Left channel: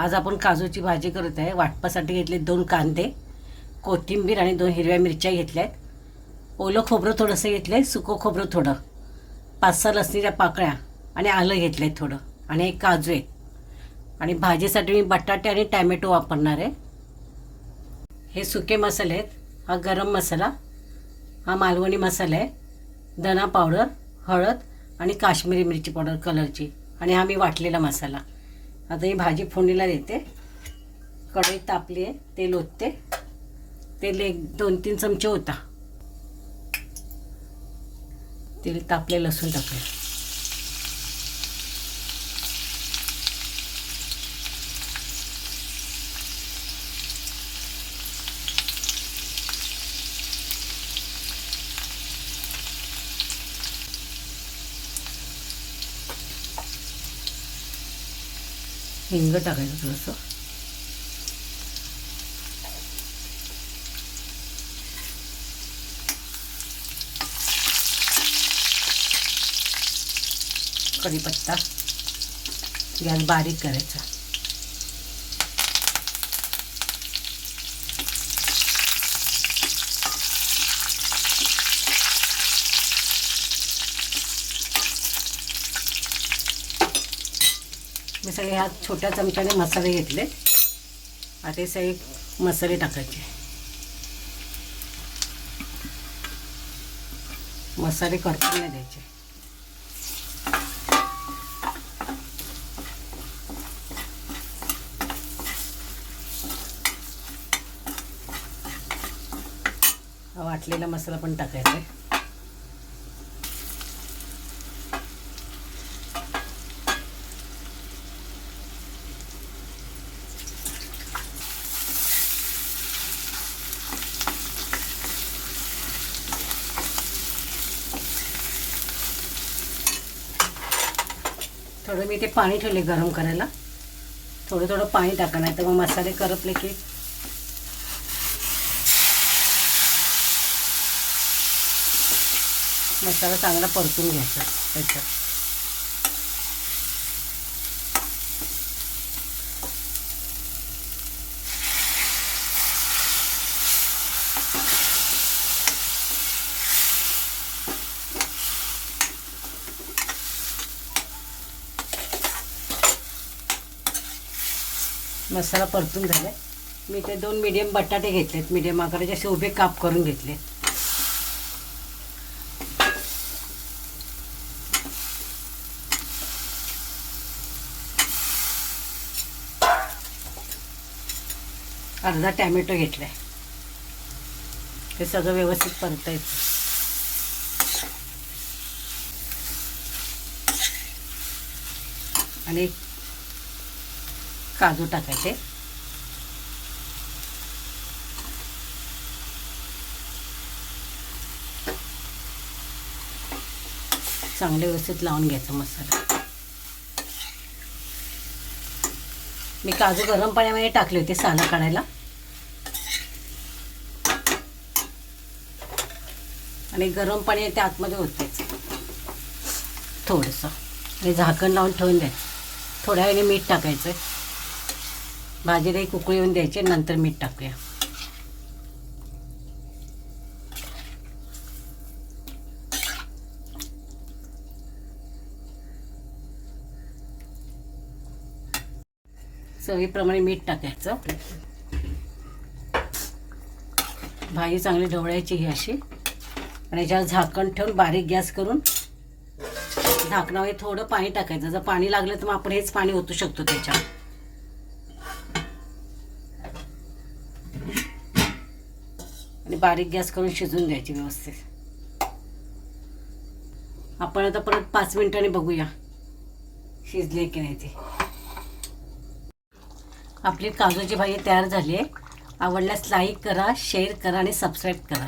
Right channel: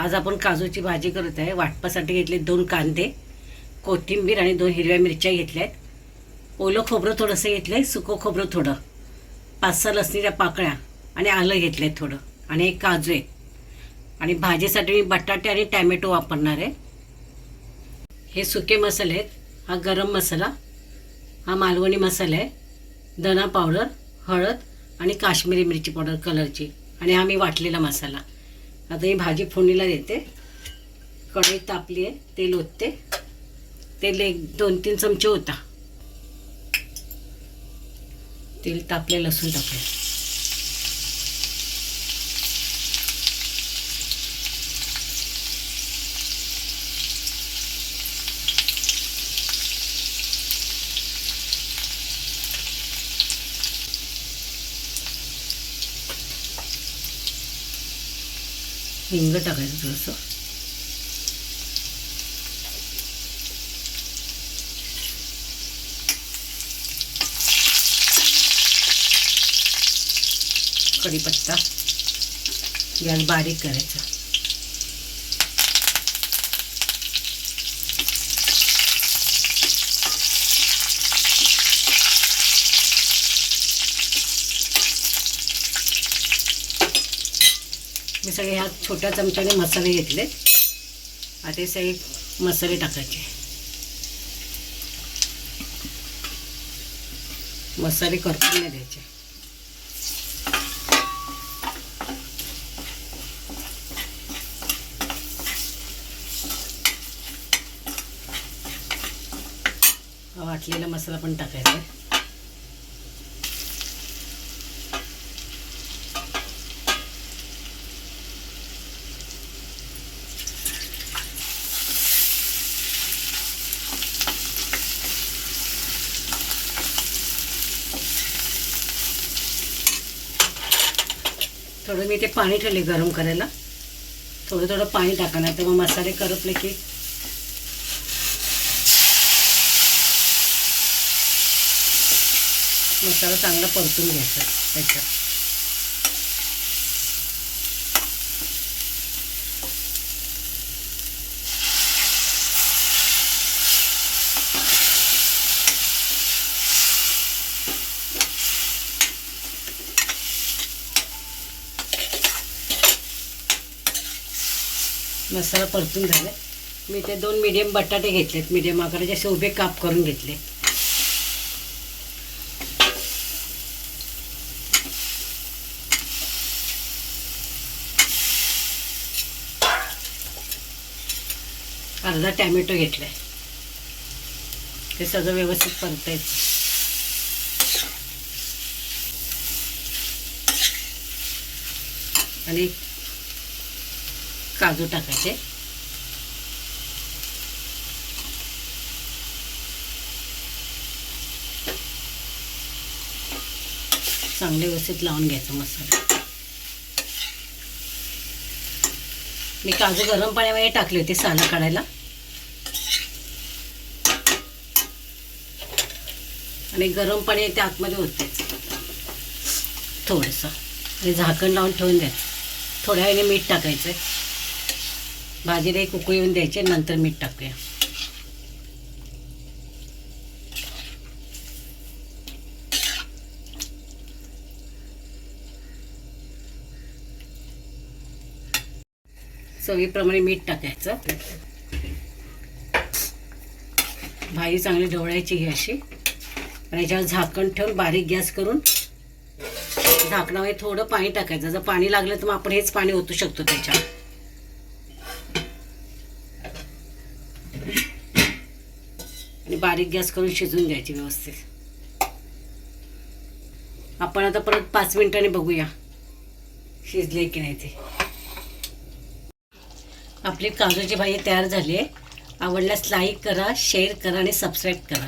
आज आपण काजूची भाजी करत आहे। वाटपासाठी घेतले 2 कांदे, कोथिंबीर आणि 2 हिरव्या मिरच्या घेतल्यात। ओलं खोबरं थोडंसं घेतलंय, सुकं खोबरं थोडं, 5-6 लसणीच्या पाकळ्या आणि आलं घेतलंय थोडं, आणि एक काजू आहे। आणि भाजीसाठी मी बटाटे आणि टॅमॅटो वापरणार आहे। हे सुके मसाले आहेत। हा गरम मसाला, हा मालवणी मसाला आहे, धना पावडर, हळद आणि काश्मीरी मिरची पावडर कलरची, आणि हा मी वाटलेला मसाला। आता ही भाजी फोडणीला देते। कढई तापली आहे, तेल ओतते। तेल 1-2-3 चमचे होता। तेल तापले, लसूण टाकले। हिंग टाकायचं थोडंसं। कढीपत्ता, गॅस बारीक करायचा। मी सगळे ह्या छोट्या चमच्याने मसाले घेतले। आता हे सगळे मसाले टाकायचे। मसाले करपून नाही द्यायचे। वाटलेला मसाला पण टाकायचा। थोडं मी ते पाणी ठेवले गरम करायला। थोडं थोडं पाणी टाका, नाही तर मग मसाले करपले की मसाला चांगला परतून घ्यायचा त्याच्यात। मसाला परतून झाला। मी ते 2 मीडियम बटाटे घेतलेत, मीडियम आकाराचे असे उभे काप करून घेतले। अर्धा टॅमॅटो घेतलाय। हे सगळं व्यवस्थित परतायचं। आणि काजू टाकायचे। चांगले व्यवस्थित लावून घ्यायचं मसाला। मी काजू गरम पाण्यामध्ये टाकले होते सालं काढायला, आणि गरम पाणी त्या आतमध्ये होतेच थोडंसं, आणि झाकण लावून ठेवून द्यायचं। थोड्या वेळाने मीठ टाकायचं। भाजीला एक उकळी येऊन द्यायची, नंतर मीठ टाकूया। चवीप्रमाणे मीठ टाकायचं। भाजी चांगली ढवळायची ही अशी, आणि याच्यावर झाकण ठेवून बारीक गॅस करून झाकणावर थोडं पाणी टाकायचं। जर पाणी लागलं तर मग आपण हेच पाणी ओतू शकतो त्याच्यात। आणि बारीक गॅस करून शिजून द्यायची व्यवस्थित। आपण आता परत 5 मिनिटांनी बघूया शिजले की नाही ते। आपली काजूची भाजी तयार झाली आहे। आवडल्यास लाईक करा, शेअर करा आणि सबस्क्राईब करा।